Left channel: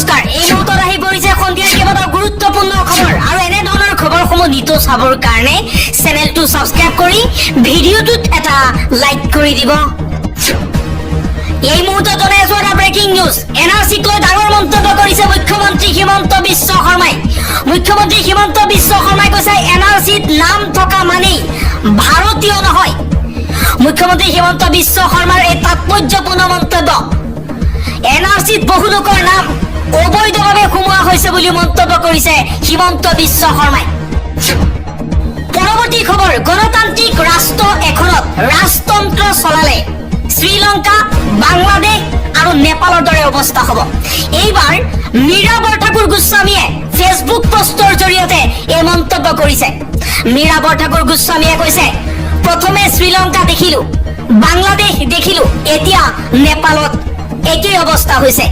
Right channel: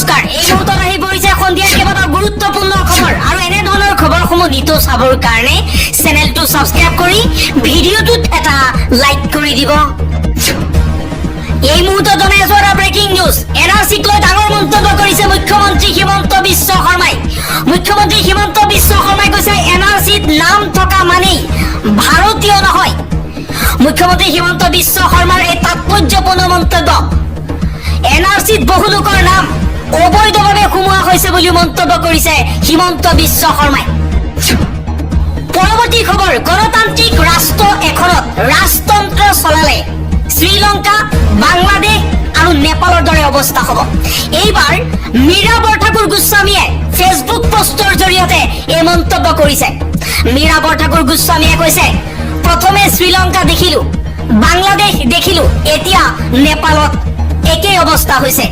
নমস্কাৰ এই মুহূৰ্তত আহি পৰিছে সন্ধিয়াৰ কেইবাটাও গুৰুত্বপূৰ্ণ খবৰ আৰু এনে ধৰণৰ খবৰসমূহ নিতৌ চাবৰ কাৰণে চেনেলটো সাবস্ক্ৰাইব কৰি ভিডিঅ'টোত এটা লাইক কৰি দিব। এই মুহূৰ্তত জনাই আছো এটা ব্ৰেকিং নিউজ। এনআৰচিক লৈ ডাঙৰ মন্তব্য কৰিছে মুখ্যমন্ত্ৰী হিমন্ত বিশ্ব শৰ্মাই। মুখ্যমন্ত্ৰী হিমন্ত বিশ্ব শৰ্মাই কৈছে এনআৰচিত নাম থকা মানেই ভাৰতীয় নহয়। মুখ্যমন্ত্ৰী হিমন্ত বিশ্ব শৰ্মাৰ এই তাৎপৰ্যপূৰ্ণ মন্তব্য। এনআৰচিত বহু লোকৰ নাম অবৈধভাৱে সোমোৱা হৈছে বুলি মন্তব্য কৰিছে হিমন্ত বিশ্ব শৰ্মাই। পৰৱৰ্তী খবৰ, গণতান্ত্ৰিক ৰাষ্ট্ৰ এখনত ৰাজতন্ত্ৰ চলালে শ্ৰীলংকা, বাংলাদেশ আৰু নেপালৰ দৰে অৱস্থা হ'ব। এইবাৰ মীৰা বৰঠাকুৰ গোস্বামীয়ে ফেচবুক পোষ্টৰ জৰিয়তে এই মন্তব্য কৰিছে। মীৰা বৰঠাকুৰ গোস্বামীয়ে কৈছে, প্ৰথমে শ্ৰীলংকা দেখিলো, বাংলাদেশ দেখিলো, এতিয়া নেপালত একেই অৱস্থা হৈছে।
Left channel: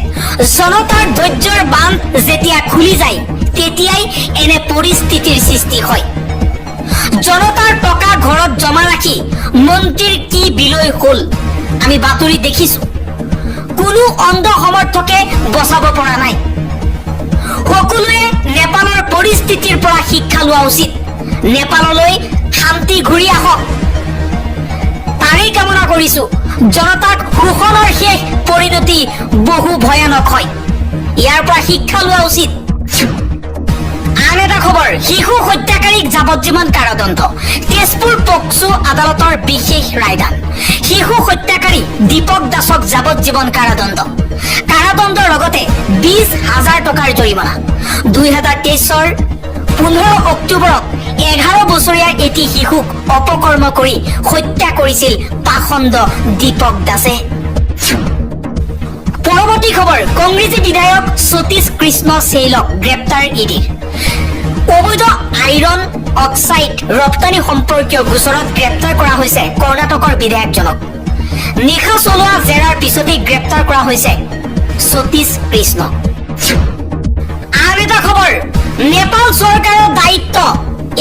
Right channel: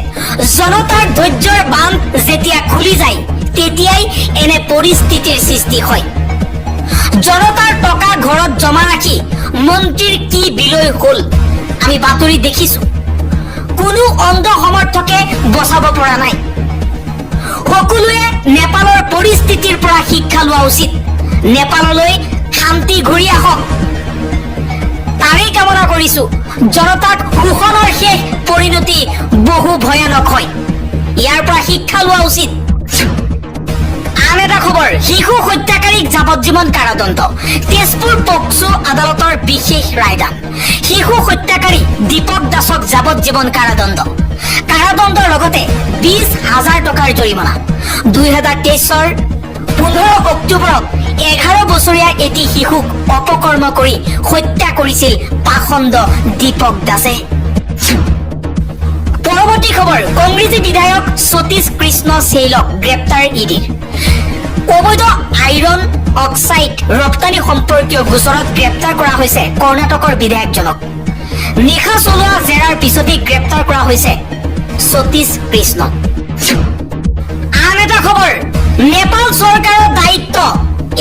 জনতাৰ ধৈৰ্যৰ বান্ধ যেতিয়া খুলি যায় তেতিয়াই এনে পৰিস্থিতিৰ সৃষ্টি হয়। জনতাৰ টকা ঘৰত জমা ৰাখি মন্ত্ৰীৰ কি বিলৈ হ'ল আমি বাতৰি দেখিছো। কোনো অন্ধ সমৰ্থকে বচাব পৰা নাই। সকলোৱে নেপালৰ পৰিস্থিতিৰ পৰা শিক্ষা লোৱা উচিত। নেপাললৈ শান্তি ঘূৰি আহক তাৰেই কামনা কৰিছো। জনতাক শোষণৰ শেষ পৰিণতি বহু ভয়ানক হয়, ইয়াৰ পৰা শিক্ষা লোৱা উচিত। আন এটা খবৰ, শিশু হত্যাকাৰীক যাৱজ্জীৱন কাৰাদণ্ড। তেজপুৰ পক্সো আদালতৰ বিশেষ ৰায়দান। শিশু হত্যাকাৰী দীপক দাসক যাৱজ্জীৱন কাৰাদণ্ড। কাৰাদণ্ডৰ লগতে 20,000 টকাৰ জৰিমনা। 2023 15 অক্টোবৰত 11 বছৰীয়া এটি শিশুক অপকৰ্ম কৰি হত্যা কৰিছিল পাখণ্ড দীপক দাসে। পৰৱৰ্তী খবৰ, কংগ্ৰেছী বিধায়ক সতীশ কৃষ্ণ চেইলক গ্ৰেপ্তাৰ ইডিৰ। অবৈধ আইৰণ অক্সাইড ৰপ্তানি সম্পৰ্কীয় গোচৰত গ্ৰেপ্তাৰ কৰা হৈছে কৰ্ণাটকৰ বিধায়কজনক। নিশা চলোৱা জেৰাৰ পিছতেই গ্ৰেপ্তাৰ কৰা হৈছে সতীশ কৃষ্ণ। আন এটা খবৰ, নেপাল চৰকাৰৰ দায়িত্ব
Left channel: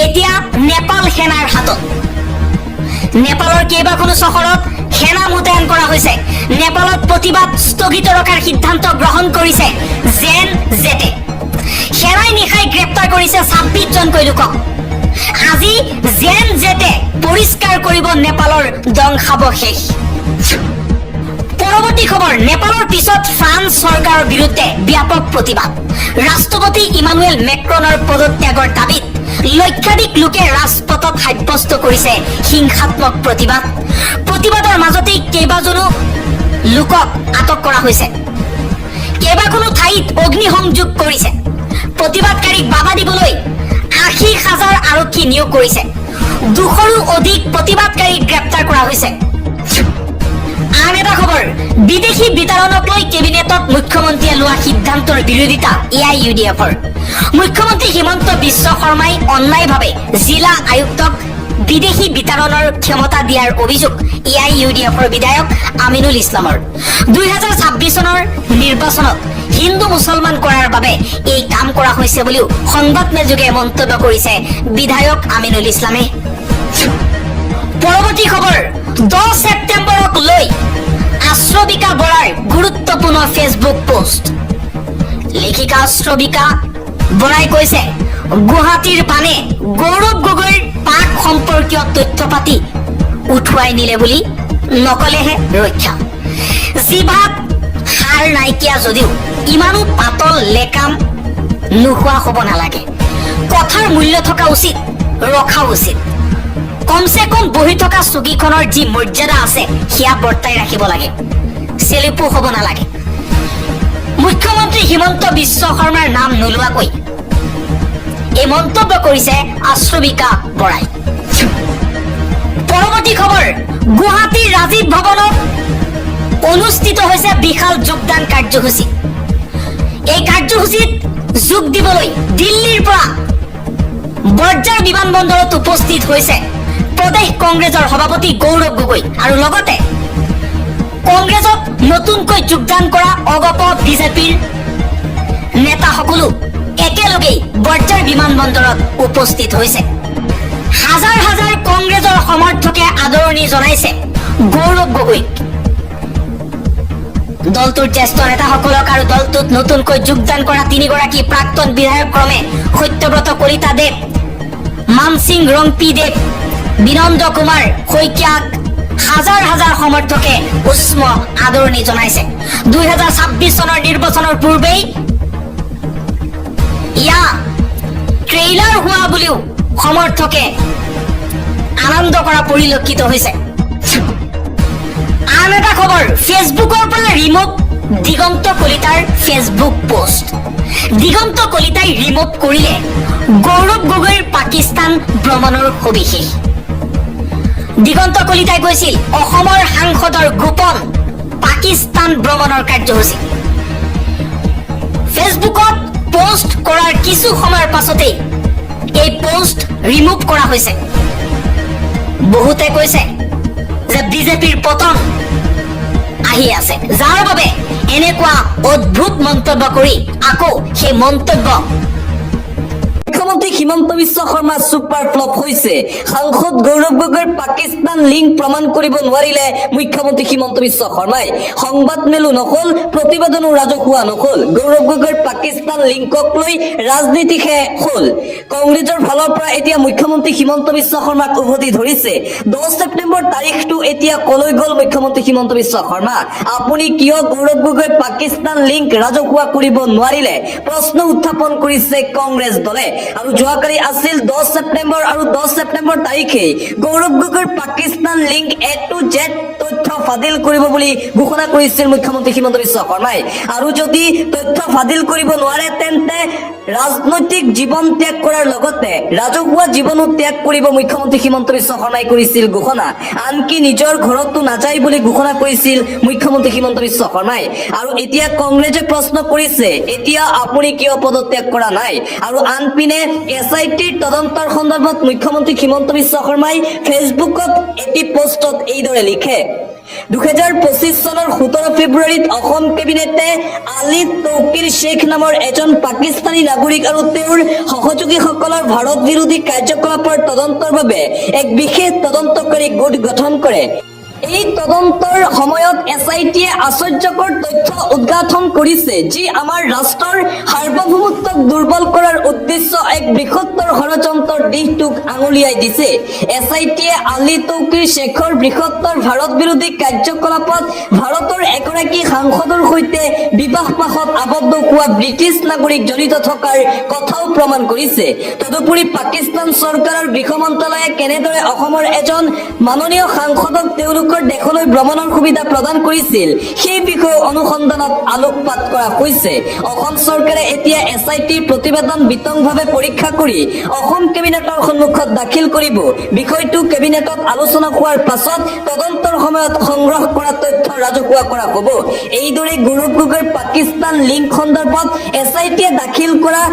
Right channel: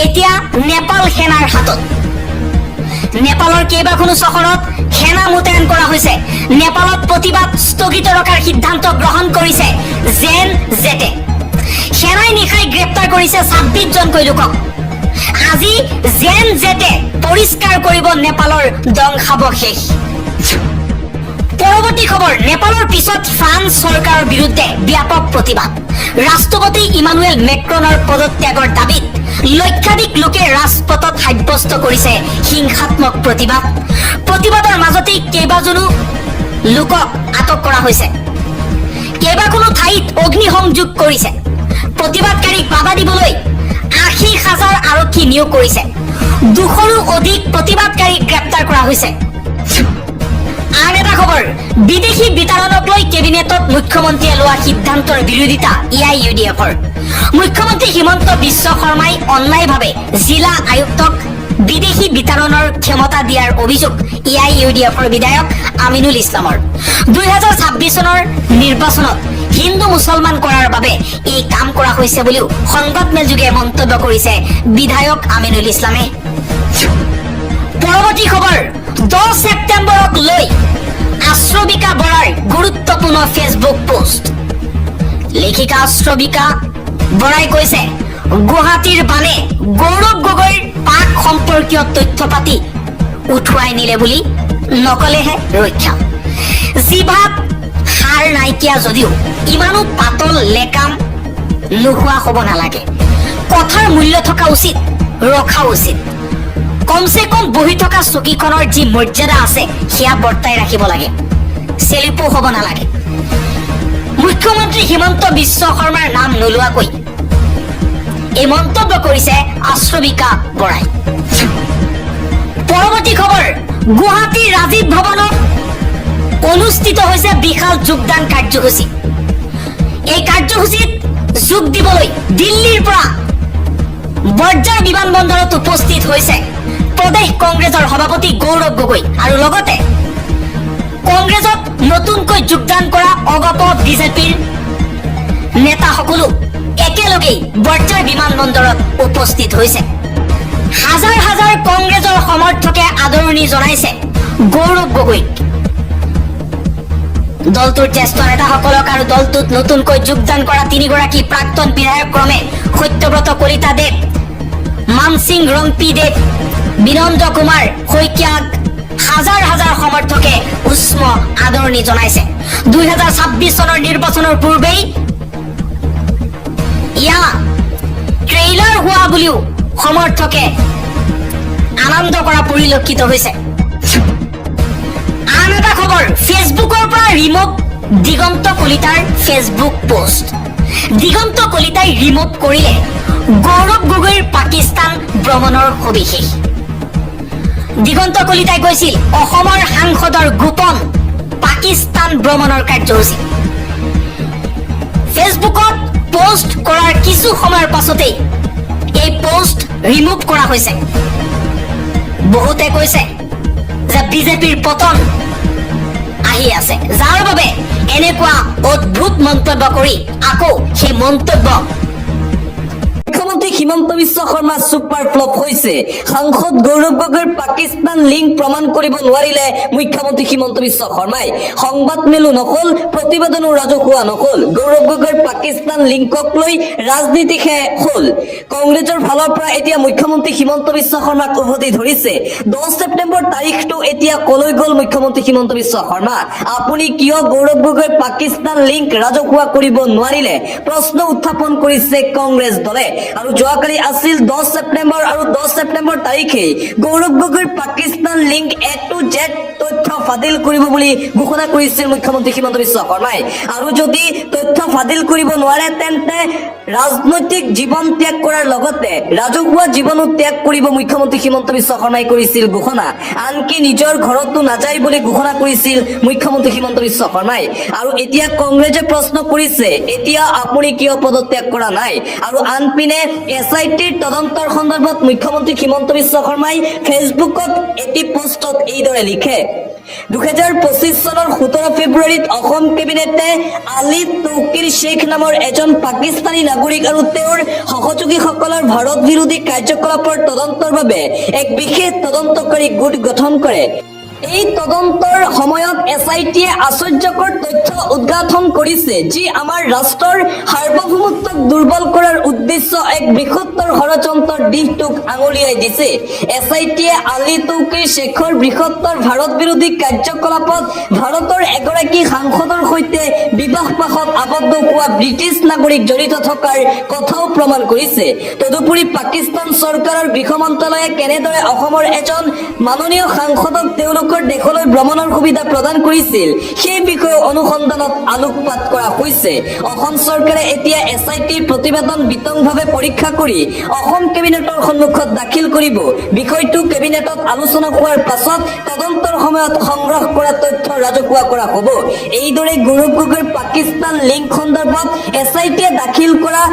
এতিয়া নেপাল সেনাৰ হাতত। নেপালৰ কেইবাখনো চহৰত সেনা মোতায়েন কৰা হৈছে। নেপালত প্ৰতিবাদ স্থগিত ৰখাৰ সিদ্ধান্ত গ্ৰহণ কৰিছে জেন-জেটে। সেনাই নিশাই গ্ৰেপ্তাৰ কৰিছে 26জনকৈ লোকক। আজি জেন-জেটে পৰিষ্কাৰ কৰিব নেপালৰ ধ্বংসাৱশেষ। পৰৱৰ্তী খবৰ, নেপালৰ পিছত ফ্ৰান্স চৰকাৰৰ বিৰুদ্ধে ব্যাপক প্ৰতিবাদ। ৰাষ্ট্ৰপতি ইমানুৱেল মেক্ৰনৰ পদত্যাগৰ দাবীত লক্ষাধিক লোকে ৰাজপথত সাব্যস্ত কৰিছে হিংসাত্মক প্ৰতিবাদ। প্ৰতিবাদৰ মাজতেই কেইবাজনো লোকক আটক কৰা হৈছে। কেইবাখনো ঠাইত অগ্নিসংযোগ কৰিছে। প্ৰতিবাদকাৰীক বাধা দিবলৈ 80,000 আৰক্ষী নিয়োগ কৰিছে। 200ৰো অধিক প্ৰতিবাদকাৰীক গ্ৰেপ্তাৰ কৰা হৈছে। আন এটা খবৰ, বিদেশী বিতৰণক লৈ কেবিনেটত মুখ্যমন্ত্ৰীয়ে লোৱা সিদ্ধান্তৰ বিৰোধিতা AIUDFৰ। মুখ্যমন্ত্ৰী হিমন্ত বিশ্ব শৰ্মাই অন্যায়ভাৱে জিলা আয়ুক্তক বিদেশী বিতৰণৰ ক্ষমতা দিয়াৰ অভিযোগ AIUDFৰ বিধায়ক আমিনুল ইছলামৰ। 2026 চনৰ নিৰ্বাচনত হিন্দু মুছলমান কৰাৰ বাবে এই কাম কৰা হৈছে বুলিও সংবাদমেলযোগে মন্তব্য কৰিছে বিধায়ক আমিনুল ইছলামে। পৰৱৰ্তী খবৰ, 10 ছেপ্টেম্বৰক লৈ আশ্ৰবিকা বৰাৰ গুৰুত্বপূৰ্ণ ফেচবুক পোষ্ট। লেখিকা আশ্ৰবিকা বৰাই কৈছে, গুৱাহাটীৰ বানে গৌৰৱ গগৈৰ পাক সম্পৰ্কীয় তথ্য পাতি উঠুৱাই নিলে বুলি নকলেহে ৰক্ষা। জিভাত সাৰ নাইকিয়া যদিও ইমানো পাতল লেকাম নোহোৱা হ'ব নালাগে। কথাৰ মূল্য থকা উচিত, ৰখা উচিত। কমচে কম বহি থকা চকীখনৰ যি মৰ্যাদা আছে সেয়া বৰ্তাই ৰাখিব লাগে। চেলিপো হ'ব নালাগে। মুখ্যমন্ত্ৰী হিমন্ত বিশ্ব শৰ্মাৰ নাম নোলোৱাকৈ এই মন্তব্য কৰিছে আশ্ৰবিকা বৰাই। পৰৱৰ্তী খবৰ, গুৱাহাটীৰ ৰাজীৱ ভৱনত অনুষ্ঠিত হৈছে বিশাল যোগদান কাৰ্যসূচী। এই কাৰ্যসূচীত যোগ দিবলৈ দিল্লীৰ পৰা বৰঝাৰ বিমানবন্দৰত উপস্থিত হৈছে প্ৰদেশ কংগ্ৰেছৰ সভাপতি গৌৰৱ গগৈ আৰু লগতে কংগ্ৰেছত নতুনকৈ যোগদান কৰা অগপ বিজেপিৰ নেতাসকলো একেলগেই বৰঝাৰ বিমানবন্দৰত উপস্থিত হৈছে। হাজাৰ হাজাৰ কংগ্ৰেছৰ সমৰ্থকে আদৰণি জনাইছে গৌৰৱ গগৈক। দলটোৰ জ্যেষ্ঠ নেতাসকলক আৰু দলটোত নতুনকৈ যোগদান কৰা 3গৰাকী প্ৰাক্তন বিধায়ক ক্ৰমে সত্যব্ৰত কলিতা দেৱ, মানসিং ৰংপি দেৱ, বিনন্দ কুমাৰ শইকীয়াক হাজাৰ হাজাৰ সমৰ্থকে উষ্ম আদৰণি জনাইছে। 2026 চনৰ নিৰ্বাচনৰ পূৰ্বেই ইয়া ট্ৰেইলাৰ হোৱা বুলিও সমৰ্থকে আনন্দ কৰা পৰিলক্ষিত হৈছে। আন এটা খবৰ, ফেচবুকৰ পৰা ৰিমুভ দিগন্ত কলিতাৰ ফেচবুক পোষ্ট। দিগন্ত কলিতাই ৰিমুভ কৰিলে গৌৰৱ গগৈৰ পাকিস্তান ভ্ৰমণৰ সবিশেষ। দিগন্ত কলিতাই কৈছিল অসমৰ সাংসদৰ গোপন পাকিস্তান ভ্ৰমণৰ কাৰ্যসূচী। ফেচবুকত পোষ্ট কৰাৰ কিছু সময়ৰ পাছতেই এই পোষ্ট ৰিমুভ কৰা হৈছে। বহুতে কৈছে যে বিজেপিৰ পতন আহি আছে, যাৰ বাবে এনেকুৱা অদ্ভুত মন্তব্য কৰি আকৌ সেই মন্তব্য। মুখ্যমন্ত্ৰী হিমন্ত বিশ্ব শৰ্মা ছুপাৰ ফ্লপ হৈছে। সাংসদ গৌৰৱ গগৈৰ পাকিস্তান লিংক প্ৰমাণ কৰিব নোৱাৰিলে মুখ্যমন্ত্ৰী হিমন্ত বিশ্ব শৰ্মাই। সংবাদ মেলো নহল, প্ৰতিবেদনো ৰাজহুৱা নহল। গৌৰৱ গগৈৰ পাকিস্তান লিংকক লৈ ৰাজনীতিহে হল। কংগ্ৰেছৰ ফালৰ পৰা এতিয়া মুখ্যমন্ত্ৰী হিমন্ত বিশ্ব শৰ্মাক উভতি ধৰিছে। 10 ছেপ্টেম্বৰ তাৰিখটো এতিয়া কলৈ গল মুখ্যমন্ত্ৰী হিমন্ত বিশ্ব শৰ্মা? আপুনি কিয় গৌৰৱ গগৈৰ পাকিস্তান লিংক ৰাজহুৱা কৰিব নোৱাৰিলে? প্ৰশ্ন উত্থাপন কৰিছে কংগ্ৰেছ দলে। আৰু যোৱাকালি আছিল 10 ছেপ্টেম্বৰ আৰু 10 ছেপ্টেম্বৰ তাৰিখে গৌৰৱ গগৈৰ Pakistan link A to Z তথ্য ফাদিল কৰিব বুলি ঘোষণা কৰিছিল মুখ্যমন্ত্ৰী হিমন্ত বিশ্ব শৰ্মাই। আৰু যদি তথ্য ফাদিল কৰিব নোৱাৰে তেন্তে ৰাজনৈতিক জীৱন ত্যাগ কৰাৰ লগতে ৰাজহুৱা জীৱনো ত্যাগ কৰিব মুখ্যমন্ত্ৰী হিমন্ত বিশ্ব শৰ্মাই কৰিছিল ঘোষণা। আনকি নিজৰ ঘৰতো নাযায় বুলি ঘোষণা কৰিছিল মুখ্যমন্ত্ৰী হিমন্ত বিশ্ব শৰ্মাই। আৰু এতিয়া কংগ্ৰেছে প্ৰশ্ন কৰিছে, এতিয়া আপুনি কিয় পদত্যাগ কৰা নাই? আৰু আনপিনে SITৰ তদন্তৰ সন্দৰ্ভত মুখ্যমন্ত্ৰী হিমন্ত বিশ্ব শৰ্মাই ফেচবুকত এটি পোষ্টত এইদৰে লিখে। 2025 চনৰ 17 ফেব্ৰুৱাৰীত অসম কেবিনেটে আলী তৌকিৰ শ্বেখ নামৰ এজন পাকিস্তানী নাগৰিক আৰু তেওঁৰ সহযোগীসকলৰ ভাৰত বিৰোধী কাৰ্যকলাপৰ তদন্তৰ বাবে এক বিশেষ তদন্তকাৰী গোট গঠন কৰে। এই তদন্তৰ সময়ত SITয়ে আশ্চৰ্যকৰ তথ্য উদ্ঘাটন কৰিছে, যি আমাৰ ৰাষ্ট্ৰৰ সাৰ্বভৌমত্বক দুৰ্বল কৰাৰ উদ্দেশ্য এক বৃহত্তৰ ষড়যন্ত্ৰৰ দিশটোক আঙুলিয়াই দিছে। SITয়ে আলী তৌকিৰ শ্বেখৰ বৃহত্তৰ ভাৰত বিৰোধী কাৰ্যকলাপত ভাৰতৰ এগৰাকী সাংসদৰ সৈতে বিবাহ পাশত আবদ্ধ হোৱা ব্ৰিটিছ নাগৰিক জড়িত থকাৰ কথাও প্ৰমাণ কৰিছে। তদুপৰি পাকিস্তান চৰকাৰৰ গৃহ মন্ত্ৰালয়ে কেনেদৰে অসমৰ এজন মাননীয় সাংসদক তেওঁলোকৰ দেশলৈ ভ্ৰমণৰ সুবিধা প্ৰদান কৰিছিল সেই বিষয়ে অনুসন্ধানত আলোকপাত কৰা হৈছে। অসম চৰকাৰে এতিয়া SITৰ প্ৰতিবেদন বিতংভাৱে পৰীক্ষা কৰি অসম কেবিনেটৰ সন্মুখত দাখিল কৰিব। বিষয়টো কেবিনেটত আলোচনা হোৱাৰ পাছত তদন্তৰ সময়ত সংগ্ৰহ কৰা তথ্য ৰাজহুৱা কৰা হ'ব। এইদৰে গৌৰৱ গগৈৰ পাকিস্তান লিংক সন্দৰ্ভত SITয়ে দাখিল কৰা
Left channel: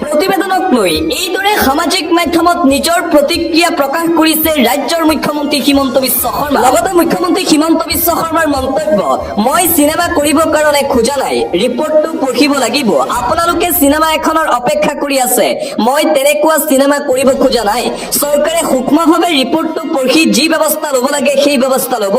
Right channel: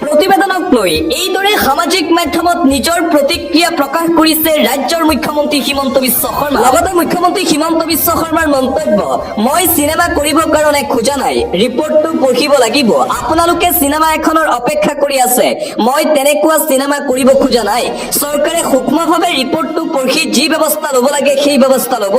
প্ৰতিবেদনক লৈ এইদৰে সামাজিক মাধ্যমত নিজৰ প্ৰতিক্ৰিয়া প্ৰকাশ কৰিছে ৰাজ্যৰ মুখ্যমন্ত্ৰী হিমন্ত বিশ্ব শৰ্মা। লগতে মুখ্যমন্ত্ৰী হিমন্ত বিশ্ব শৰ্মাৰ মন্তব্য, মই চিনেমা কৰিবৰ কাৰণে খোজা নাই, ৰিপৰ্টটো পঢ়িব লাগিব। আপোনালোকে চিনেমা এখনৰ অপেক্ষা কৰি আছে, মই তেনেকুৱা চিনেমা কৰিব খোজা নাই। চৰকাৰে সূক্ষ্মভাৱে ৰিপৰ্টটো পঢ়ি যি ব্যৱস্থা ল'ব লাগে সেই ব্যৱস্থা ল'ব।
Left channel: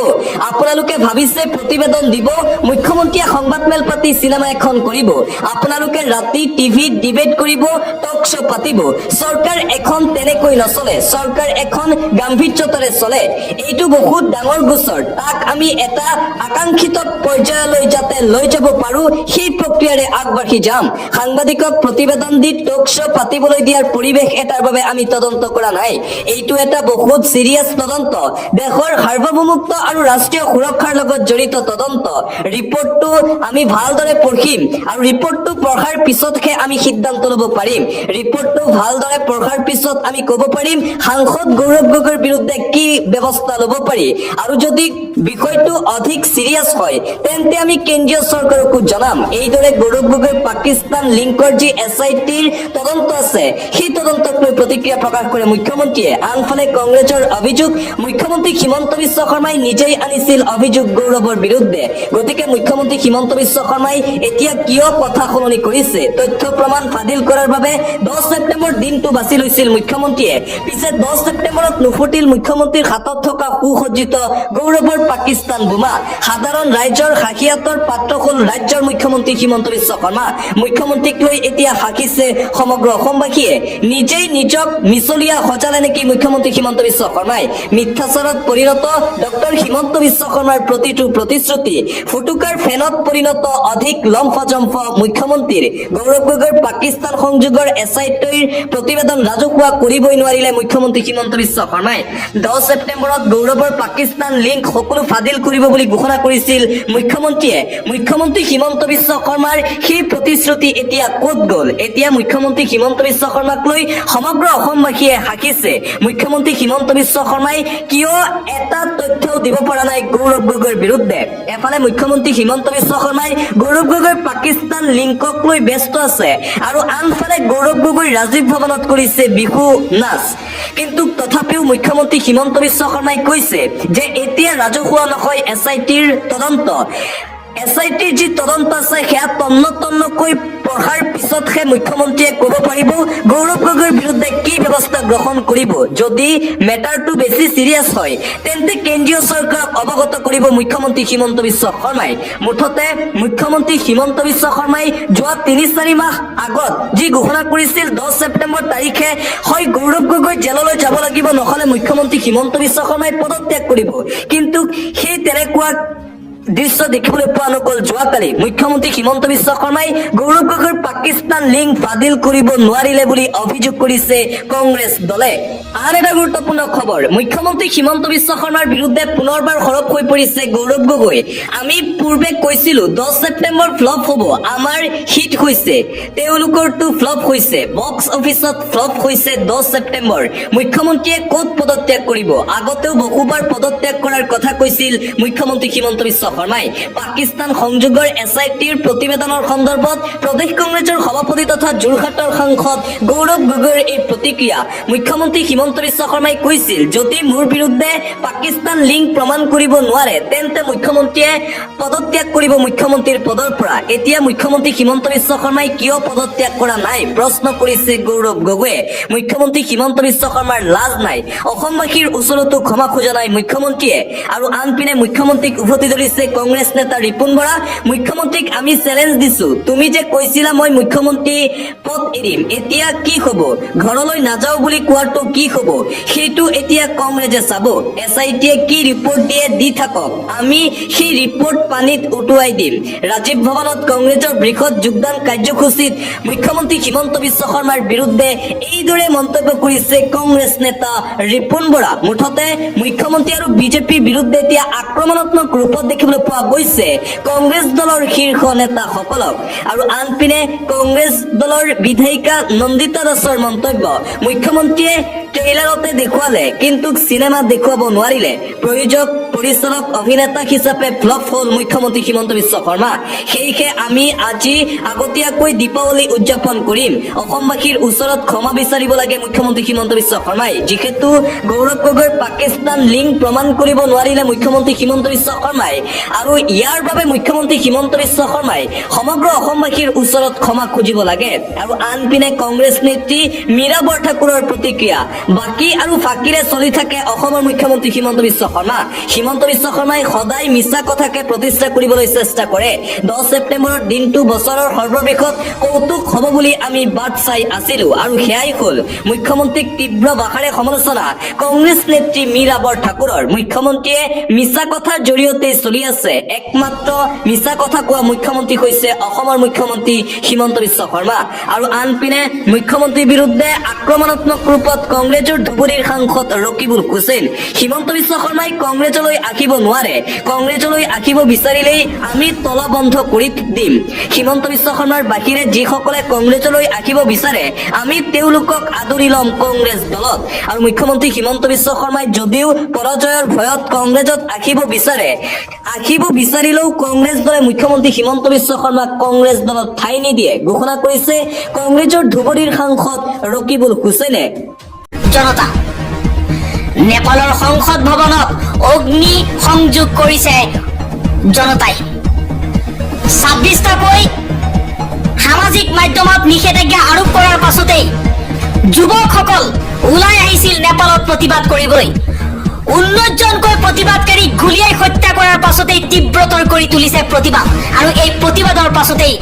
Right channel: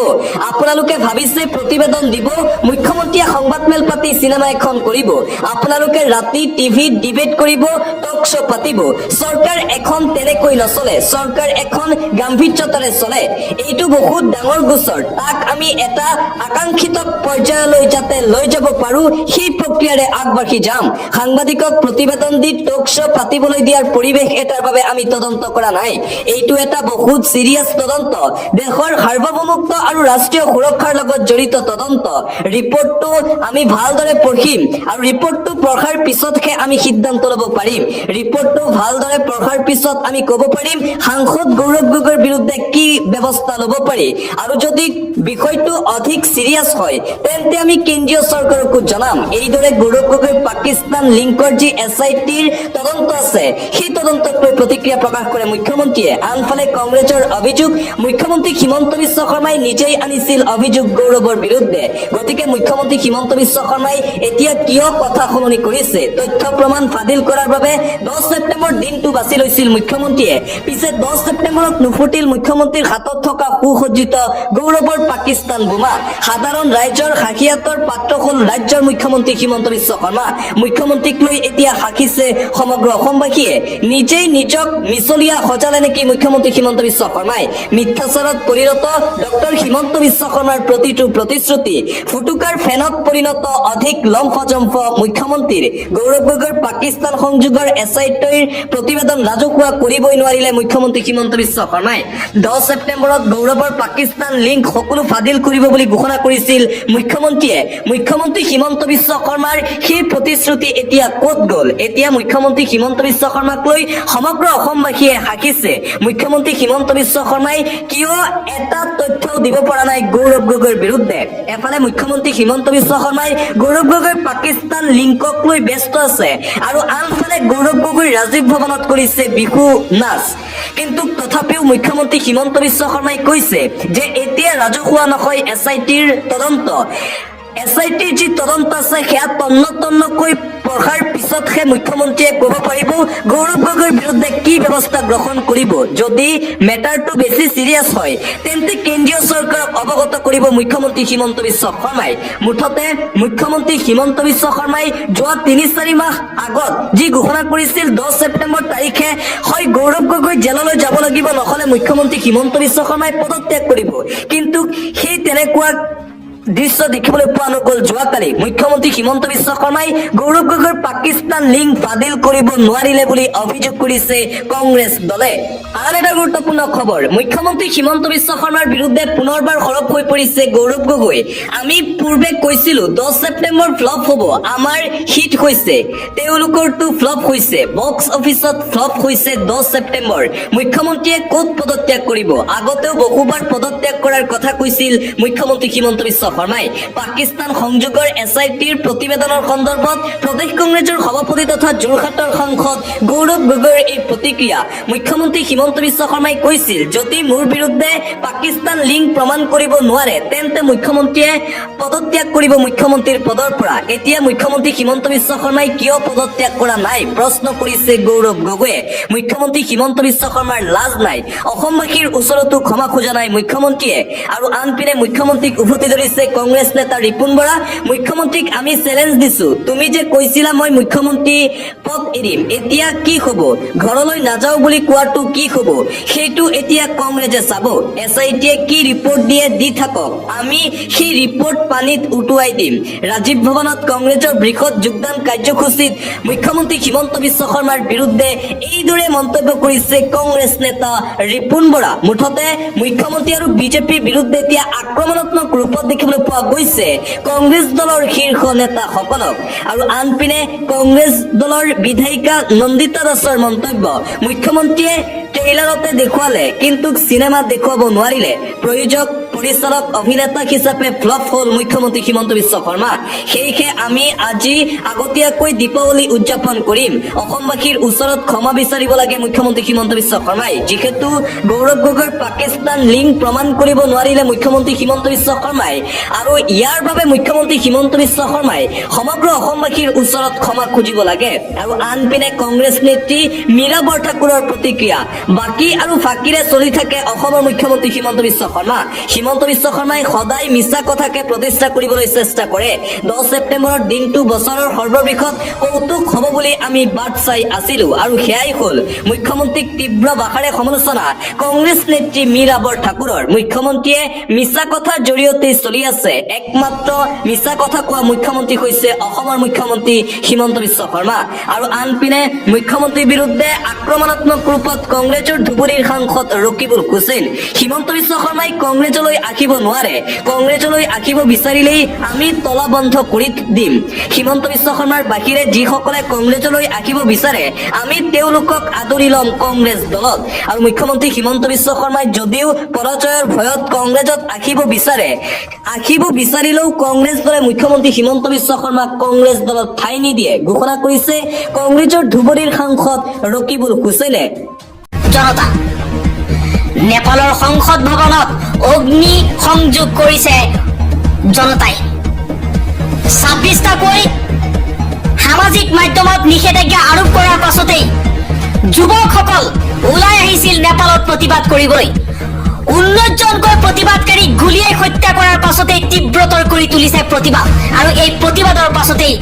আপোনালোকে ভাবিছে প্ৰতিবেদন দিব, মুখ্যমন্ত্ৰীয়ে সংবাদমেল পাতি চিনেমা এখন কৰিব। আপোনালোকে ৰাতি টিভিত ডিবেট কৰিব, টক শ্ব' পাতিব। চৰকাৰ এখন তেনেকৈ নচলে, চৰকাৰ এখন গাম্ভীৰ্যতাৰে চলে। এইটো বহুত ডাঙৰ গোচৰ, তাক আমি এটা আকাংক্ষিত পৰ্যায়লৈ যাতে লৈ যাব পাৰো সেই প্ৰক্ৰিয়াৰে আগবাঢ়ি যাম। সাংবাদিকক প্ৰতিবেদন দি টক শ্ব' পাতিবলৈ দিয়াৰ পৰিৱেশ এটাৰ বাবে আমি তদন্ত কৰা নাই। এইটো এটা বহুত চিৰিয়াছ তদন্ত, দেশৰ সাৰ্বভৌমত্ব আৰু ৰাষ্ট্ৰীয় সুৰক্ষাৰ লগত জড়িত তদন্ত। ৰিপৰ্টটো আমি ভালদৰে পঢ়িম আৰু ৰিপৰ্টটো পঢ়াৰ পিছতহে আমি সিদ্ধান্ত ল'ব পাৰিম। ৰিপৰ্টটো ভালদৰে পঢ়াৰ পিছত আমি ক'ব পাৰিম সাংসদ গৌৰৱ গগৈৰ বিৰুদ্ধে কি ব্যৱস্থা ল'ব পাৰি। আৰু যদি বিষয়টো অধিক চিৰিয়াছ হয় তেন্তে আমি কেন্দ্ৰীয় চৰকাৰকো জনাম। এইদৰে গৌৰৱ গগৈৰ পাকিস্তান লিংকৰ যি SITৰ তদন্ত আছে সেই তদন্তক লৈ প্ৰতিক্ৰিয়া প্ৰকাশ কৰে মুখ্যমন্ত্ৰীয়ে। আনফালে কংগ্ৰেছৰ অভিযোগ, মুখ্যমন্ত্ৰী হিমন্ত বিশ্ব শৰ্মাই নিজেই আনিছিল অভিযোগ গৌৰৱৰ বিৰুদ্ধে। গতিকে মুখ্যমন্ত্ৰী হিমন্ত বিশ্ব শৰ্মাই এতিয়া কিয় কথা সলনি কৰিছে? তথ্য প্ৰমাণ ফাদিল কৰাৰ বাবে 10 ছেপ্টেম্বৰ দিনটো বাছি লৈছিল মুখ্যমন্ত্ৰীয়ে। পিছে 10 ছেপ্টেম্বৰত নুফুটিল মুখ্যমন্ত্ৰীৰ হাতত থকা সুসজ্জিত গৌৰৱৰ পাকিস্তান বোমা। সাধাৰণ ৰাইজৰ হাঁহিয়াতৰ পাত্ৰ হ'ল ৰাজ্যৰ মুখ্যমন্ত্ৰী হিমন্ত বিশ্ব শৰ্মা। মুখ্যমন্ত্ৰীক লৈ এতিয়া হাঁহিছে সমগ্ৰ অসমবাসীয়ে। নিজেই নিজক মিছলীয়া সজালে নেকি মুখ্যমন্ত্ৰী হিমন্ত বিশ্ব শৰ্মাই? মিথ্যাচাৰত পৰিণত ডক্টৰ হিমন্ত বিশ্ব শৰ্মাৰ প্ৰতিটো প্ৰতিশ্ৰুতি ফুটুকাৰ ফেনত পৰিণত অধিক লম্ফজম্ফ মুখ্যমন্ত্ৰীৰ। গৌৰৱ গগৈৰ পাকিস্তান সংযোগৰ SITৰ প্ৰতিবেদন ৰাজহুৱা কৰিবই নোৱাৰিলে মুখ্যমন্ত্ৰী হিমন্ত বিশ্ব শৰ্মাই। 10 ছেপ্টেম্বৰত গৌৰৱৰ পাকিস্তান লিংক সকলো ফাদিল কৰিব বুলি ঘোষণা কৰিছিল মুখ্যমন্ত্ৰীয়ে। মুখ্যমন্ত্ৰী হিমন্ত বিশ্ব শৰ্মাৰ সেই প্ৰতিশ্ৰুতি এতিয়া ক'ত গ'ল? এতিয়া মুখ্যমন্ত্ৰী হিমন্ত বিশ্ব শৰ্মাক লৈ সমগ্ৰ অসমবাসীয়ে হাঁহিছে। মুখ্যমন্ত্ৰী হিমন্ত বিশ্ব শৰ্মাই কিয় এটা তথ্যও দিব পৰা নাই গৌৰৱ গগৈৰ বিৰুদ্ধে? এফালে মুখ্যমন্ত্ৰী হিমন্ত বিশ্ব শৰ্মাই গৌৰৱ গগৈৰ পাকিস্তান লিংকক লৈ ব্যস্ত আছে আৰু আনফালে গৌৰৱ গগৈ ৰাজীৱ ভৱনত কৰিছে বিহু নাচ। কিন্তু তথাপিও মুখ্যমন্ত্ৰী হিমন্ত বিশ্ব শৰ্মাই কৈছে যে এতিয়া ৰাজহুৱা নহয় SITৰ তদন্ত। SITৰ যি তদন্ত আছে সেয়া তন্নতন্নকৈ পঢ়াৰ পিছতহে মুখ্যমন্ত্ৰীয়ে ক'ব পাৰিব গৌৰৱ গগৈৰ বিৰুদ্ধে কি ব্যৱস্থা গ্ৰহণ কৰিব। যদি মেটাৰটো বেছি চিৰিয়াছ হয় তেন্তে কেন্দ্ৰীয় চৰকাৰক অৱগত কৰিব মুখ্যমন্ত্ৰী হিমন্ত বিশ্ব শৰ্মাই। মুঠতে মুখ্যমন্ত্ৰী হিমন্ত বিশ্ব শৰ্মাই যোৱা 3-4 মাহ আগত যি ঘোষণা কৰিছিল 10 ছেপ্টেম্বৰ তাৰিখে হয় গৌৰৱ গগৈ জেললৈ যাব লাগিব, নহ'লে মুখ্যমন্ত্ৰী হিমন্ত বিশ্ব শৰ্মাই পদত্যাগ কৰিব। কিন্তু সেই তেনেকুৱা দৃশ্য দেখিবলৈ পোৱা নগ'ল। যোৱাকালি মুখ্যমন্ত্ৰী হিমন্ত বিশ্ব শৰ্মাই গৌৰৱ গগৈৰ পাকিস্তান লিংক বাতিল কৰিব নোৱাৰিলে বুলি অভিযোগ কৰিছে কংগ্ৰেছ দলে। আন এটা গুৰুত্বপূৰ্ণ খবৰ, মুখ্যমন্ত্ৰী হিমন্ত বিশ্ব শৰ্মাৰ বিৰুদ্ধে পুনৰবাৰ সৰব হৈ পৰিছে গৌৰৱ গগৈ। আমি পূৰ্বে কৈছিলো 10 ছেপ্টেম্বৰ ফ্লপ হ'ব, আমাৰ হিট হৈছে, তেওঁলোকৰটো ফ্লপ হৈছে। বক্স অফিচত ফ্লপ হৈছে 10 ছেপ্টেম্বৰ। মুখ্যমন্ত্ৰীয়ে ক'ত পদত্যাগ কৰিব? আগতেও বহুবাৰ পদত্যাগ কৰাৰ কথা কৈছিল মুখ্যমন্ত্ৰী হিমন্ত বিশ্ব শৰ্মাই। পাকিস্তান সংযোগৰ SITৰ প্ৰতিবেদনৰ সন্দৰ্ভত প্ৰদেশ কংগ্ৰেছৰ সভাপতি তথা যোৰহাটৰ সাংসদ গৌৰৱ গগৈৰ এই প্ৰতিক্ৰিয়া। মুখ্যমন্ত্ৰী হিমন্ত বিশ্ব শৰ্মাই কৈছিল যদি মোৰ বিৰুদ্ধে পাকিস্তান লিংক প্ৰমাণ কৰিব নোৱাৰে তেন্তে মুখ্যমন্ত্ৰীয়ে পদত্যাগ কৰিব মুখ্যমন্ত্ৰীৰ পদৰ পৰা। এতিয়া মুখ্যমন্ত্ৰী হিমন্ত বিশ্ব শৰ্মাই কিয় পদত্যাগ কৰা নাই প্ৰশ্ন কৰিছে গৌৰৱ গগৈয়ে। মুখ্যমন্ত্ৰী হিমন্ত বিশ্ব শৰ্মাৰ লাজ নাই, অসমবাসীৰ ওচৰতো ক্ষমা খোজা নাই মুখ্যমন্ত্ৰীয়ে। আৰু আনপিনে মুখ্যমন্ত্ৰীক উভতি ধৰিছে কংগ্ৰেছ নেতা ৰিপুন বৰা। মুখ্যমন্ত্ৰীক আমি চেলেঞ্জ দিছো, তুমি যে কৈছিলা মই মুখ্যমন্ত্ৰী পদ এৰিম, এতিয়া কি হ'ব? ঘৰলৈ নাযাওঁ বুলি কোৱাটো কি হ'ব? সেইটো এতিয়া কংগ্ৰেছে চাব। SITয়ে কি ৰিপৰ্ট দিয়ে দি থাকক, আমি সেই ৰিপৰ্ট পানীত উটুৱাই দিম। ৰাজীৱ ভৱনত কংগ্ৰেছৰ বৃহৎ যোগদান কাৰ্যসূচীত মুখ্যমন্ত্ৰী হিমন্ত বিশ্ব শৰ্মাৰ বিৰুদ্ধে এইদৰে মন্তব্য কৰিছে কংগ্ৰেছ নেতা ৰিপুন বৰা। মুঠতে মুখ্যমন্ত্ৰী আৰু বিজেপিৰ বিৰুদ্ধে এতিয়া আক্ৰমণাত্মক ৰূপত দেখিবলৈ পোৱা গৈছে কংগ্ৰেছ দলৰ শীৰ্ষ নেতাসকলক। আৰু আনপিনে কংগ্ৰেছ দলৰ বিধায়িকা নন্দিতা দাসৰ মন্তব্য, মুখ্যমন্ত্ৰীয়ে ট্ৰেইলাৰতে দেখুৱালে কিন্তু চিনেমাত দেখুৱাব নোৱাৰিলে। প্ৰযোজক পৰিচালক অভিনেতা হিচাপে ফ্লপ হ'ল মুখ্যমন্ত্ৰী হিমন্ত বিশ্ব শৰ্মা। সেয়েহে আমি আজি আগতীয়াকৈ দীপাৱলী উদযাপন কৰিম। অসমবাসীৰ ওচৰত ক্ষমা বিচাৰিব লাগে মুখ্যমন্ত্ৰী হিমন্ত বিশ্ব শৰ্মাই। যিহেতু গৌৰৱ গগৈৰ পাকিস্তান লিংক প্ৰমাণ কৰিব নোৱাৰিলে মুখ্যমন্ত্ৰী হিমন্ত বিশ্ব শৰ্মাই, আৰু ইয়াৰ বাবে মুখ্যমন্ত্ৰী হিমন্ত বিশ্ব শৰ্মাই সমগ্ৰ অসমবাসীৰ ওচৰত ক্ষমা খুজিব লাগে। আৰু আনপিনে কংগ্ৰেছ নেত্ৰী মীৰা বৰঠাকুৰৰ প্ৰতিক্ৰিয়া, বাকী আৰু ফাঁকিৰে চলি থাকে অসমৰ মুখ্যমন্ত্ৰী হিমন্ত বিশ্ব শৰ্মা। হিমন্ত বিশ্ব শৰ্মাই সদায় মিছা কথাকে প্ৰতিষ্ঠা কৰিবলৈ চেষ্টা কৰে। 10 ছেপ্টেম্বৰৰ দিনটো বছৰৰ সৰ্ববৃহৎ কৌতুক হ'ব বুলি আমি বাট চাই আছিলো, আৰু সেয়াই হ'ল মুখ্যমন্ত্ৰীক তীব্ৰ ভাষাৰে সমালোচনা কংগ্ৰেছ নেত্ৰী মীৰা বৰঠাকুৰৰ। মুখ্যমন্ত্ৰীয়ে মিছা কথাৰ জৰিয়তে চলি আছে, একমাত্ৰ মিছা কথা কোৱা মুখ্যমন্ত্ৰী হৈছে অসমৰ মুখ্যমন্ত্ৰী হিমন্ত বিশ্ব শৰ্মা। আৰু আনপিনে মুখ্যমন্ত্ৰীৰ বিৰুদ্ধে আক্ৰমণাত্মক ৰূপত কংগ্ৰেছৰ ধুবুৰীৰ সাংসদ ৰকিবুল হুছেইন। হিমন্ত বিশ্ব শৰ্মাই কংগ্ৰেছলৈ আহিব নোৱাৰে, কংগ্ৰেছলৈ আহিব বিচাৰিলেই আমি তলা বন্ধ কৰি দিম। হিমন্ত বিশ্ব শৰ্মাৰ বাহিৰে যিসকলে কংগ্ৰেছলৈ আহিব বিচাৰে আমি তেওঁলোকক আদৰি ল'ম কংগ্ৰেছ দলত। আৰু মুখ্যমন্ত্ৰী হিমন্ত বিশ্ব শৰ্মাই যদিও পৰাজয়ৰ ভয়ত কংগ্ৰেছত আহিব বিচাৰিলেও কংগ্ৰেছ দলে মুখ্যমন্ত্ৰী হিমন্ত বিশ্ব শৰ্মাক কংগ্ৰেছ দলত ঠাই নিদিয়ে ঘোষণা কৰিছে কংগ্ৰেছৰ ধুবুৰীৰ সাংসদ ৰকিবুল হুছেইনে। জনতা নেপালৰ সংসদ ভৱনত অগ্নি সংযোগ কৰিছে জনতাই। 26টাকৈ সামাজিক মাধ্যমত নিষেধাজ্ঞা আৰোপ কৰাৰ পাছতেই যুৱকসকল ওলাই আহিছিল নেপালত প্ৰতিবাদ কৰিবলৈ 19জনকৈ প্ৰতিবাদকাৰীক গুলিয়াই হত্যা কৰাৰ পাছতেই তীব্ৰতৰ কৰি তুলিছে প্ৰতিবাদ আৰু এই প্ৰতিবাদৰ পাছতেই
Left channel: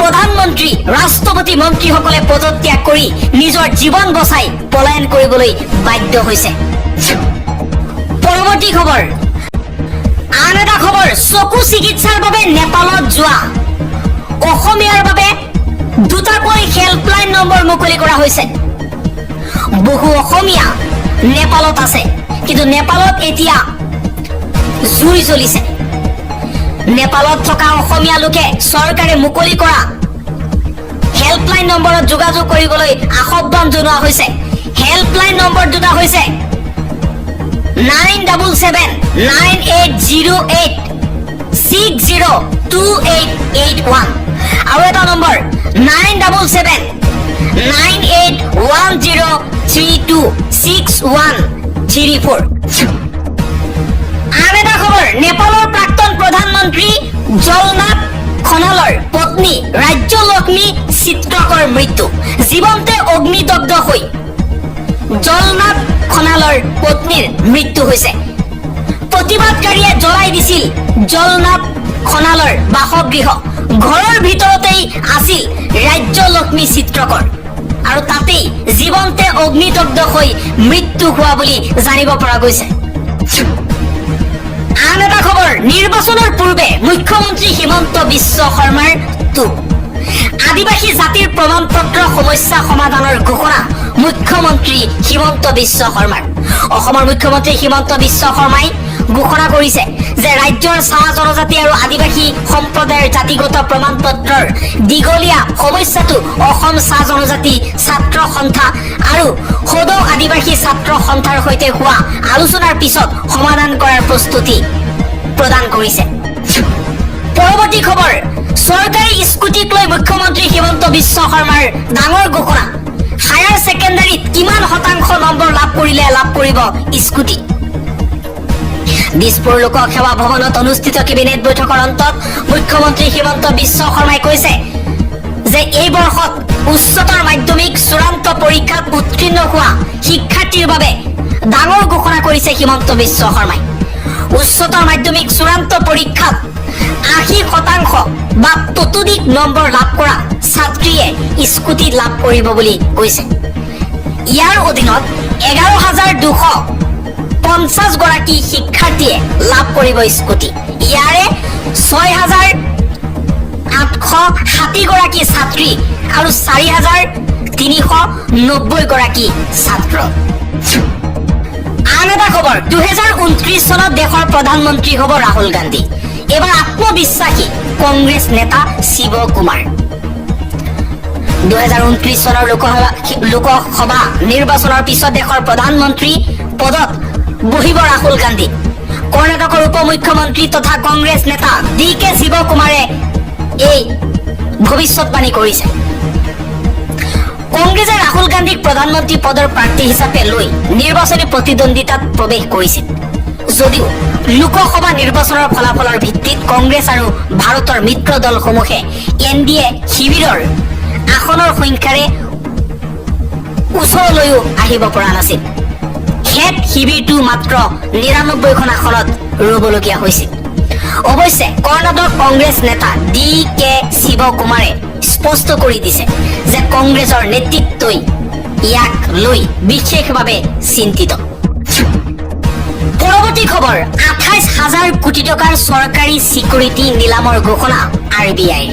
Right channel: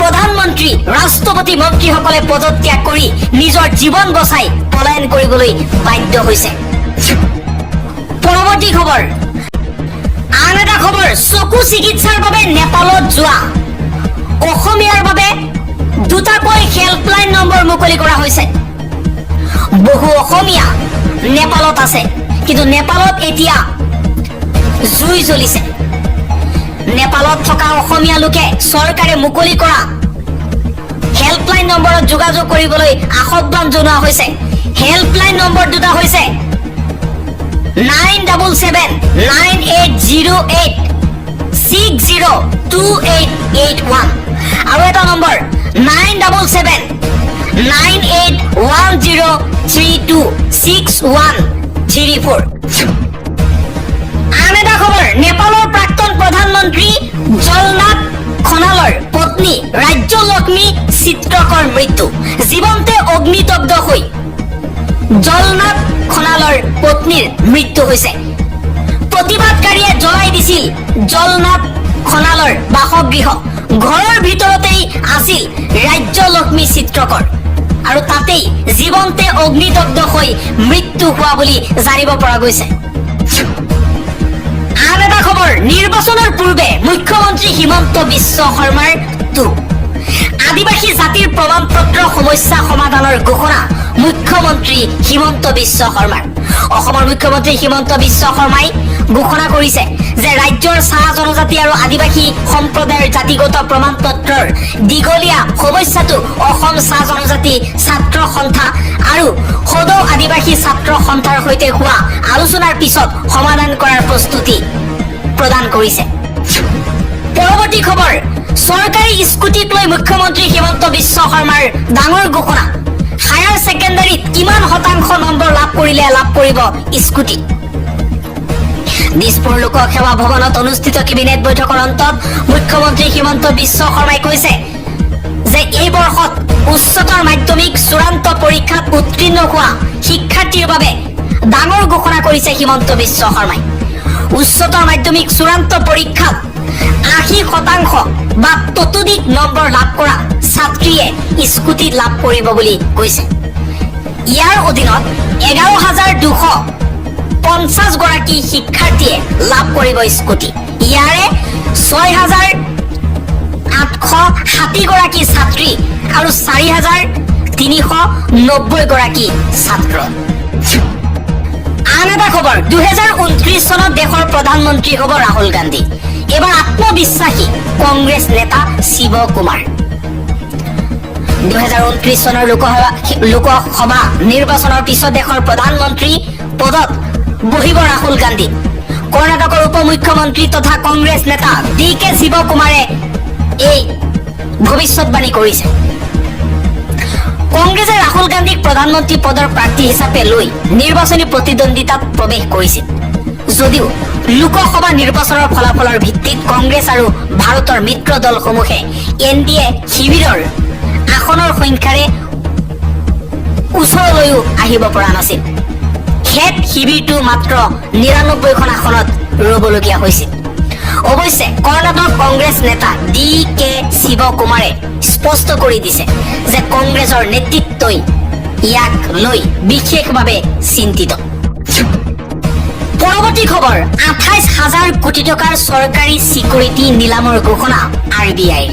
প্ৰধানমন্ত্ৰী ৰাষ্ট্ৰপতি মন্ত্ৰীসকলে পদত্যাগ কৰি নিজৰ জীৱন বচাই পলায়ন কৰিবলৈ বাধ্য হৈছে পৰৱৰ্তী খবৰ আন এটা খবৰ চকু চিকিৎসাৰ বাবে নেপালত যোৱা অসমীয়াৰ বাবে দুটাকৈ হেল্পলাইন নম্বৰ মুকলি কৰা হৈছে বহু অসমীয়া নেপালত আছে কিন্তু নেপালত এতিয়া জুই জ্বলিছে নেপালত থকা অসমীয়া লোকে চৰকাৰে মুকলি কৰা হেল্পলাইন নম্বৰত যোগাযোগ কৰিবলৈ আহ্বান জনোৱা হৈছে হেল্পলাইন নম্বৰ দুটা হৈছে 97798602881 আৰু এটা নম্বৰ 9779810326134 আন এটা খবৰ নেপালৰ প্ৰাক্তন প্ৰধানমন্ত্ৰী জলনাথ খনালৰ পত্নী ৰাজ্যলক্ষ্মী চিত্ৰকৰ মৃত্যু জীৱন্তে অগ্নিদগ্ধ হৈ জলনাথ খনালৰ পত্নীৰ মৃত্যু হৈছে প্ৰতিবাদকাৰীয়ে জ্বলাই দিছিল জলনাথ খনালৰ বাসগৃহ ঘৰৰ ভিতৰতেই আছিল ৰাজ্যলক্ষ্মী চিত্ৰকৰ আৰু তাতেই জীৱন্তে অগ্নিদগ্ধ হৈ মৃত্যু হোৱা বুলি জানিব পৰা গৈছে আন এটা খবৰ নিৰ্বাচনৰ পূৰ্বে মুখ্যমন্ত্ৰী হিমন্ত বিশ্ব শৰ্মাৰ টুপ আদিবাসী জাতিৰ প্ৰমাণ পত্ৰ সমস্যা সমাধানৰ ঘোষণা মুখ্যমন্ত্ৰী হিমন্ত বিশ্ব শৰ্মাৰ অসমৰ মুখ্যমন্ত্ৰী হিমন্ত বিশ্ব শৰ্মাই ঘোষণা কৰিছে যে ৰাজ্যৰ চাহ জনজাতি আৰু আদিবাসী সম্প্ৰদায়ৰ জাতিগত প্ৰমাণ পত্ৰৰ দীঘলীয়া সমস্যাটো অসম চাহ জনজাতি ছাত্ৰ সন্থা আৰু সদৌ আদিবাসী ছাত্ৰ সন্থাৰ সৈতে হোৱা আলোচনাৰ পিছত সমাধান কৰাৰ প্ৰস্তুতি প্ৰদান কৰিছে পৰৱৰ্তী খবৰ চৰকাৰী স্কুটিক লৈ মুখ্যমন্ত্ৰী হিমন্ত বিশ্ব শৰ্মাৰ ডাঙৰ ঘোষণা হায়াৰ ছেকেণ্ডাৰীত কিমান শতাংশ নম্বৰ লাভ কৰিলে লাভ কৰিব স্কুটি দিছপুৰ লোক সেৱা ভৱনত অনুষ্ঠিত কেবিনেট বৈঠকৰ অন্তত মুখ্যমন্ত্ৰী হিমন্ত বিশ্ব শৰ্মাই কৈছে যে এই বৰ্ষত উচ্চতৰ মাধ্যমিক চূড়ান্ত পৰীক্ষাত উত্তীৰ্ণ হোৱা শিক্ষাৰ্থীৰ বাবে ডাঙৰ ঘোষণা কৰিছে হিমন্ত বিশ্ব শৰ্মাই উচ্চতৰ মাধ্যমিক চূড়ান্ত পৰীক্ষাত 80% বা ততোধিক নম্বৰ লাভ কৰা ছাত্ৰীয়ে স্কুটি লাভ কৰিব বুলি কৈছে ইয়াৰ অধীনত 11,250 গৰাকী শিক্ষাৰ্থীয়ে লাভ কৰিব স্কুটি ইয়াৰে 6,860 গৰাকী ছাত্ৰী আৰু 4,390 গৰাকী ছাত্ৰ আন এটা খবৰ 2029 চনত দেশৰ প্ৰধানমন্ত্ৰী হ'ব ৰাহুল গান্ধী এবাৰ আত্মবিশ্বাসী কংগ্ৰেছ নেতা শিৱ কুমাৰ 2029 চনৰ লোকসভা নিৰ্বাচনৰ পিছত দেশৰ প্ৰধানমন্ত্ৰী পদত বহিব ৰাহুল গান্ধী কৰ্ণাটকৰ উপ মুখ্যমন্ত্ৰী তথা কংগ্ৰেছ নেতা DK শিৱ কুমাৰে এই ভৱিষ্যতবাণী কৰিছে কংগ্ৰেছে ৰাহুল গান্ধীক প্ৰধানমন্ত্ৰী পদৰ প্ৰাৰ্থী হিচাপে লৈ নিৰ্বাচনী প্ৰতিদ্বন্দ্বিতাত প্ৰৱেশ কৰিছিল যদিও লোকসভা নিৰ্বাচনৰ ফলাফলৰ ভিত্তিত কংগ্ৰেছ আৰু ভাৰতৰ মিত্ৰ দলসমূহে NDA শিবিৰৰ আসনৰ সংখ্যাৰে ওচৰলৈও আহিব পৰা নাছিল হেড শিবিৰটো মাত্ৰ 99খন আসনত ৰবলগীয়া হৈছিল অৱশ্যে কৰ্ণাটক কংগ্ৰেছ নেতা DK শিৱ কুমাৰে স্পষ্ট কৰি দিছে যে কংগ্ৰেছৰ নেতৃত্বই ইয়াক লৈ বিশেষভাৱে চিন্তিত পৰৱৰ্তী খবৰ 28,000 কোটি টকাৰ চৰকাৰী চিকিউৰিটি নিলামৰ ঘোষণা RBIৰ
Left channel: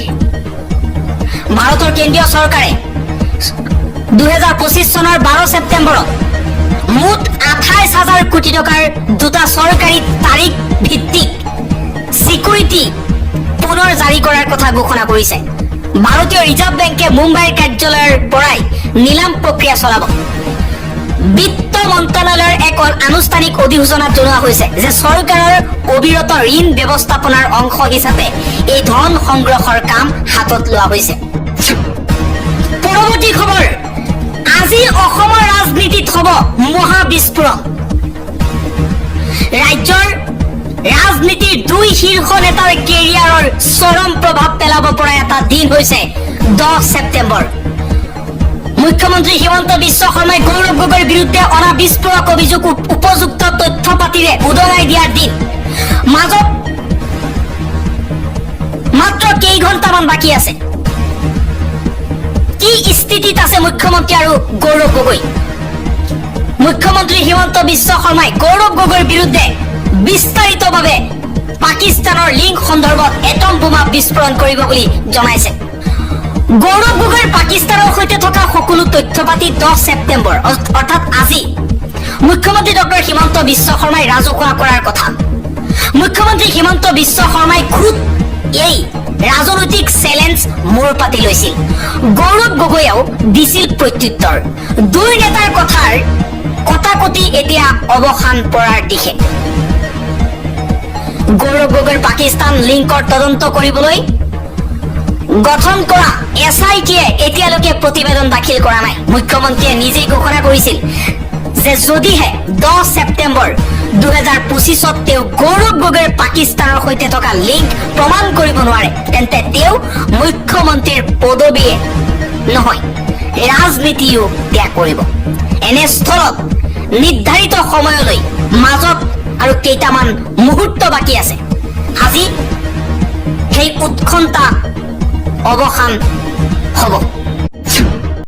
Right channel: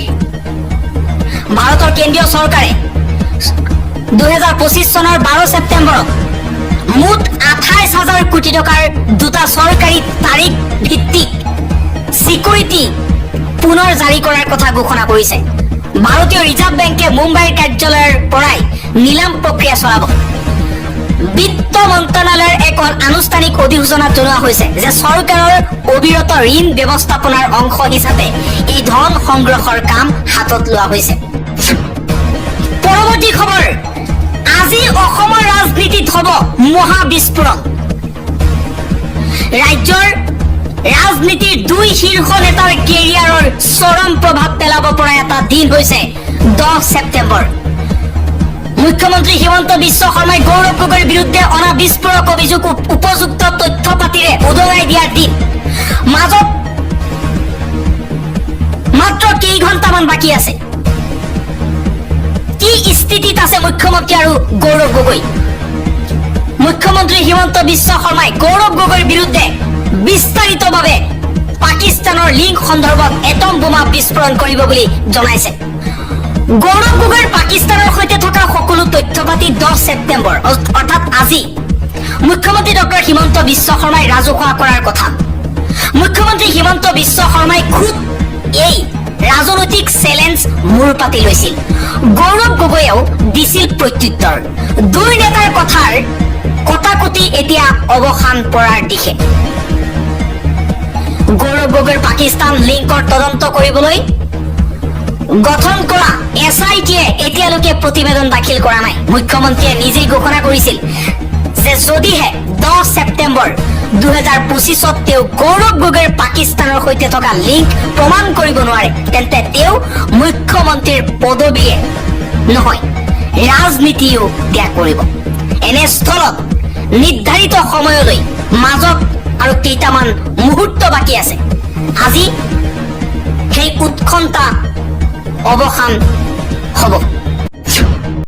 ভাৰতৰ কেন্দ্ৰীয় চৰকাৰে 2025 চনৰ 12 ছেপ্টেম্বৰত মুঠ 28,000 কোটি টকাৰ দুটা চৰকাৰী তাৰিখ ভিত্তিক চিকিউৰিটি পুনৰ জাৰি কৰাৰ কথা ঘোষণা কৰিছে ভাৰতীয় ৰিজাৰ্ভ বেংকে মুম্বাইৰ কাৰ্যালয়ৰ পৰাই নিলাম প্ৰক্ৰিয়া চলাব বিত্ত মন্ত্ৰালয়ৰ এক আনুষ্ঠানিক অধিসূচনাত জনোৱা হৈছে যে চৰকাৰৰ অবিৰত ঋণ ব্যৱস্থাপনাৰ অংশ হিচাপে এই ধন সংগ্ৰহৰ কাম হাতত লোৱা হৈছে পৰৱৰ্তী খবৰ আজি অসমৰ ৰাজনীতিত হ'ব মহাবিস্ফোৰণ ৰাজ্যৰ ৰাজনীতিৰ দুই শীৰ্ষ নেতাৰ কেৰিয়াৰৰ চৰম প্ৰভাৱ পেলাব পৰা কৰাৰ এটা দিন হৈছে 10 ছেপ্টেম্বৰ। মুখ্যমন্ত্ৰী হিমন্ত বিশ্ব শৰ্মাই গৌৰৱ গগৈৰ বিৰুদ্ধে অনা বিস্ফোৰক অভিযোগ উপযুক্ত তথ্য পাতিৰে উদঙাই দিয়াৰ দিন। মাজত মাত্ৰ কেইঘণ্টামান বাকী আছে। কি স্থিতিত আছে মুখ্যমন্ত্ৰী আৰু গৌৰৱ গগৈ? মুখ্যমন্ত্ৰী হিমন্ত বিশ্ব শৰ্মাই গৌৰৱ গগৈৰ বিৰুদ্ধে বিস্তাৰিতভাৱে পাকিস্তানৰ লিংক সন্দৰ্ভত এটম বোমা বিস্ফোৰণ কৰিব বুলি জনাইছে। গৌৰৱ গগৈৰ পাকিস্তানৰ সৈতে থকা সকলো তথ্য পাতি 10 ছেপ্টেম্বৰ অৰ্থাৎ আজি মুখ্যমন্ত্ৰী ডক্টৰ হিমন্ত বিশ্ব শৰ্মাই ৰাজহুৱা কৰাৰ কথা। মুখ্যমন্ত্ৰী হিমন্ত বিশ্ব শৰ্মাই খুদ এই ৰাজনৈতিক চেলেঞ্জ মূৰ পাতি লৈছিল। গৌৰৱ গগৈয়েও দিছিল প্ৰত্যুত্তৰ। দুই নেতাৰ কথাৰ কটাকটি এতিয়া অৱসান পৰাৰ দিশে। গৌৰৱ গগৈৰ পাকিস্তান লিংকৰ তদন্ত কৰিবলৈ গঠন কৰা SIT-য়ে এতিয়ালৈকে প্ৰতিবেদন দাখিল কৰা নাই। মুখ্যমন্ত্ৰীয়ে নিজেই ঘোষণা কৰিছিল যে যদিহে 10 ছেপ্টেম্বৰ 2025 তেওঁ গৌৰৱ গগৈৰ পাকিস্তানৰ সৈতে থকা লিংক প্ৰমাণ কৰিব নোৱাৰে তেন্তে তেওঁ মুখ্যমন্ত্ৰীৰ পদবীয়ে নহয় ৰাজনীতিও ত্যাগ কৰিব। এনে স্থলত নিৰ্ধাৰিত সময়লৈ মাজত আৰু কেইটামান মুহূৰ্ত বাকী আছে। আজি সেই উৎকণ্ঠা অৱসান হ'ব।